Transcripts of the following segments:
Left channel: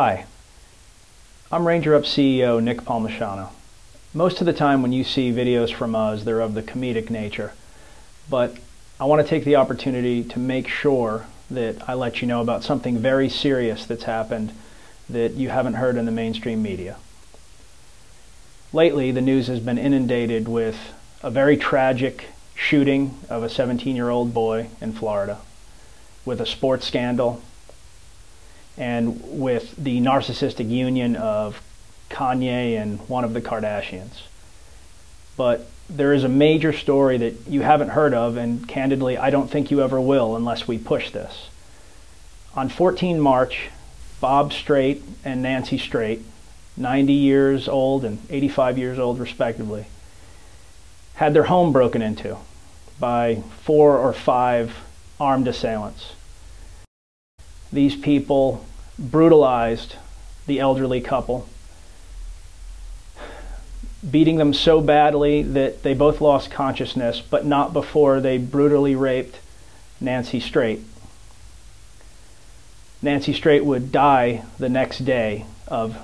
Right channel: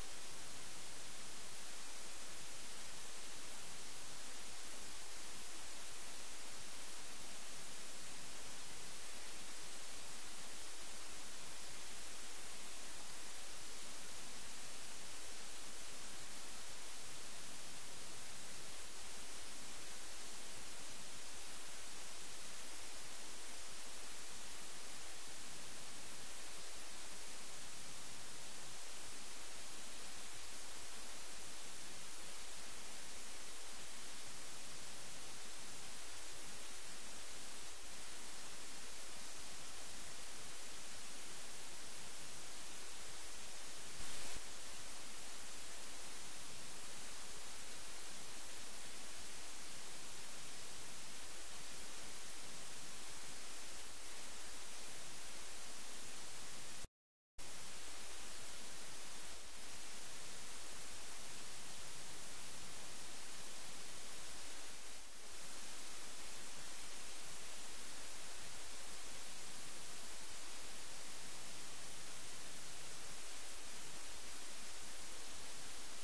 Hi, I'm Ranger Up CEO Nick Palmisano. Most of the time when you see videos from us, they're of the comedic nature, but I want to take the opportunity to make sure that I let you know about something very serious that's happened that you haven't heard in the mainstream media. Lately, the news has been inundated with a very tragic shooting of a 17-year-old boy in Florida, with a sports scandal, and with the narcissistic union of Kanye and one of the Kardashians. But there is a major story that you haven't heard of, and candidly, I don't think you ever will unless we push this. On 14 March, Bob Strait and Nancy Strait, 90 years old and 85 years old respectively, had their home broken into by 4 or 5 armed assailants. These people brutalized the elderly couple, beating them so badly that they both lost consciousness, but not before they brutally raped Nancy Strait. Nancy Strait would die the next day of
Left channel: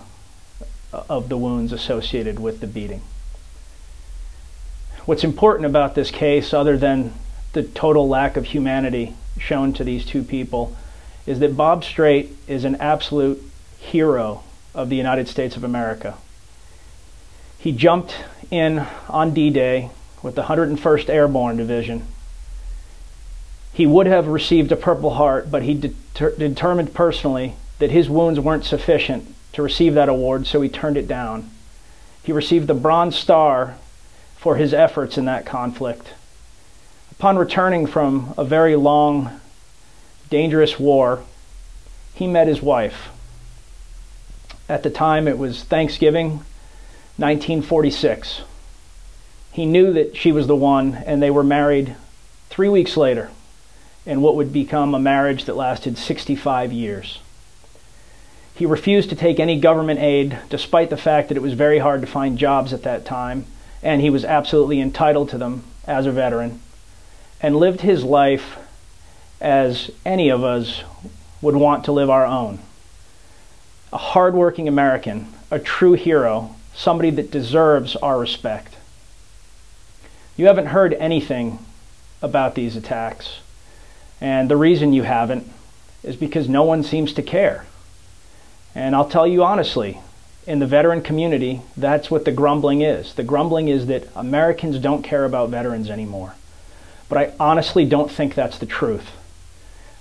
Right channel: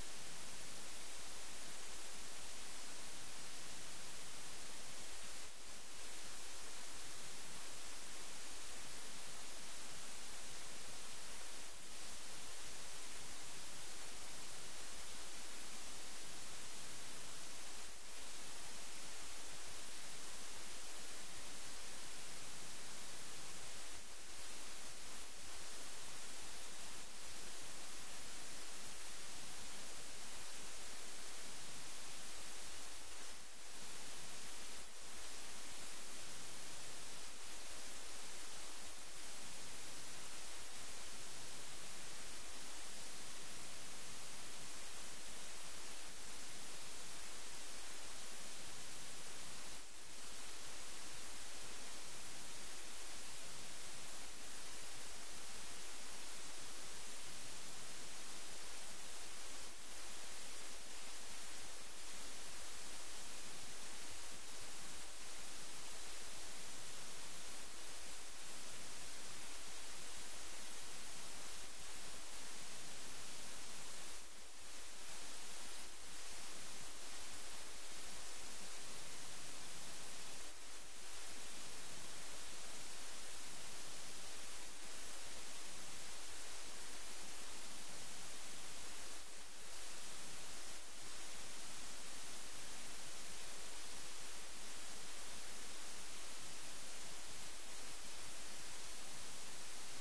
the wounds associated with the beating. What's important about this case, other than the total lack of humanity shown to these two people, is that Bob Strait is an absolute hero of the United States of America. He jumped in on D-Day with the 101st Airborne Division. He would have received a Purple Heart, but he determined personally that his wounds weren't sufficient to receive that award, so he turned it down. He received the Bronze Star for his efforts in that conflict. Upon returning from a very long, dangerous war, he met his wife. At the time, it was Thanksgiving, 1946. He knew that she was the one, and they were married 3 weeks later in what would become a marriage that lasted 65 years. He refused to take any government aid, despite the fact that it was very hard to find jobs at that time, and he was absolutely entitled to them as a veteran, and lived his life as any of us would want to live our own. A hardworking American, a true hero, somebody that deserves our respect. You haven't heard anything about these attacks, and the reason you haven't is because no one seems to care. And I'll tell you honestly, in the veteran community, that's what the grumbling is. The grumbling is that Americans don't care about veterans anymore. But I honestly don't think that's the truth.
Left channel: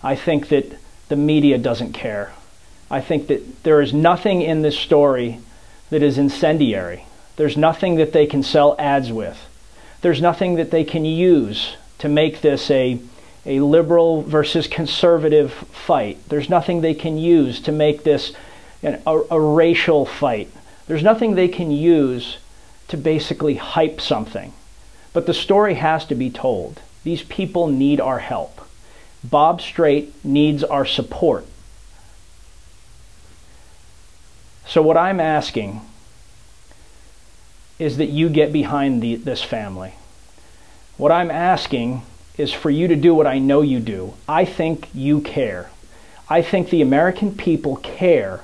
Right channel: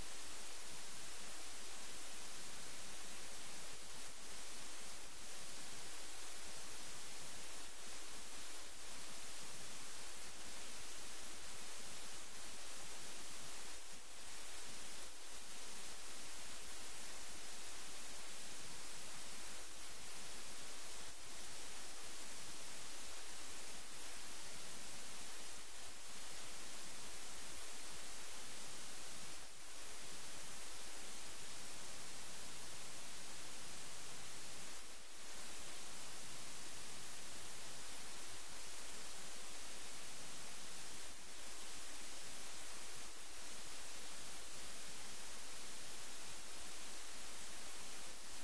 I think that the media doesn't care. I think that there is nothing in this story that is incendiary. There's nothing that they can sell ads with. There's nothing that they can use to make this a liberal versus conservative fight. There's nothing they can use to make this a racial fight. There's nothing they can use to basically hype something. But the story has to be told. These people need our help. Bob Strait needs our support. So what I'm asking is that you get behind this family. What I'm asking is for you to do what I know you do. I think you care. I think the American people care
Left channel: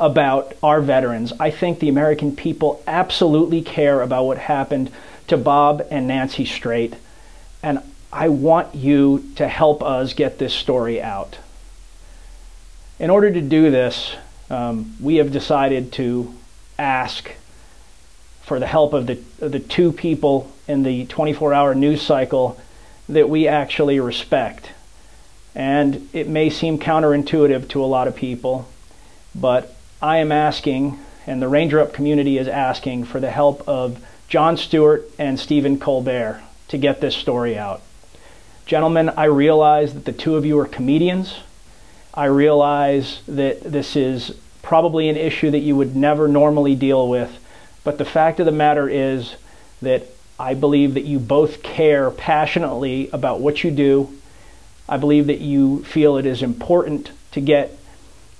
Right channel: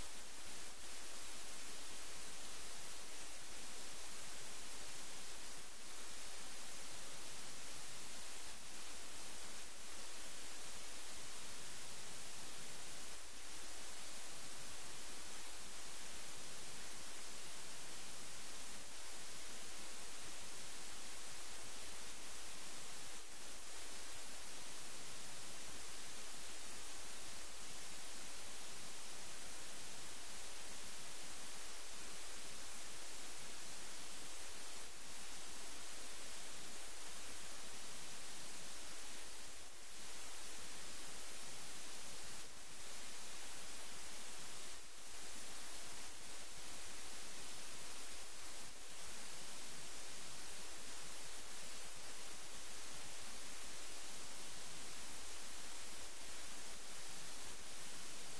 about our veterans. I think the American people absolutely care about what happened to Bob and Nancy Strait. And I want you to help us get this story out. In order to do this, we have decided to ask for the help of the two people in the 24-hour news cycle that we actually respect. And it may seem counterintuitive to a lot of people, but I am asking, and the Ranger Up community is asking, for the help of Jon Stewart and Colbert to get this story out. Gentlemen, I realize that the two of you are comedians. I realize that this is probably an issue that you would never normally deal with, but the fact of the matter is that I believe that you both care passionately about what you do. I believe that you feel it is important to get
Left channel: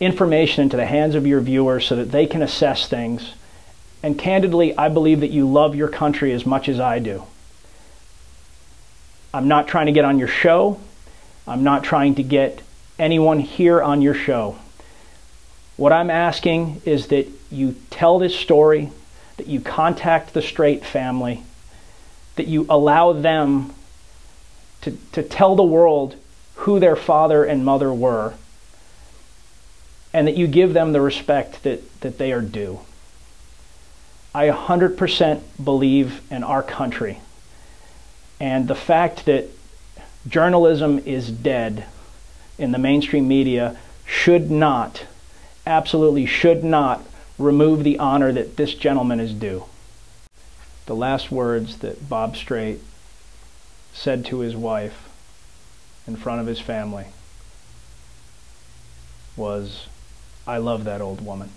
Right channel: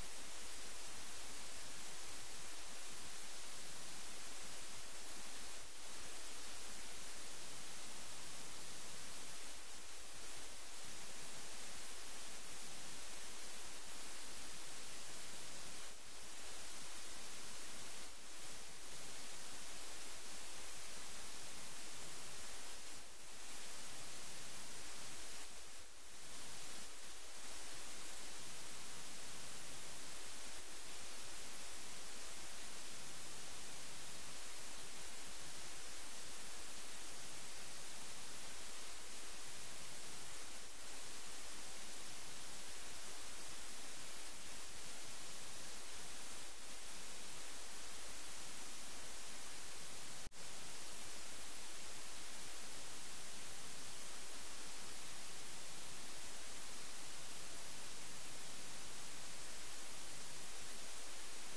information into the hands of your viewers so that they can assess things. And candidly, I believe that you love your country as much as I do. I'm not trying to get on your show. I'm not trying to get anyone here on your show. What I'm asking is that you tell this story, that you contact the Strait family, that you allow them to tell the world who their father and mother were, and that you give them the respect that they are due. I 100% believe in our country, and the fact that journalism is dead in the mainstream media should not, absolutely should not, remove the honor that this gentleman is due. The last words that Bob Strait said to his wife in front of his family was, "I love that old woman."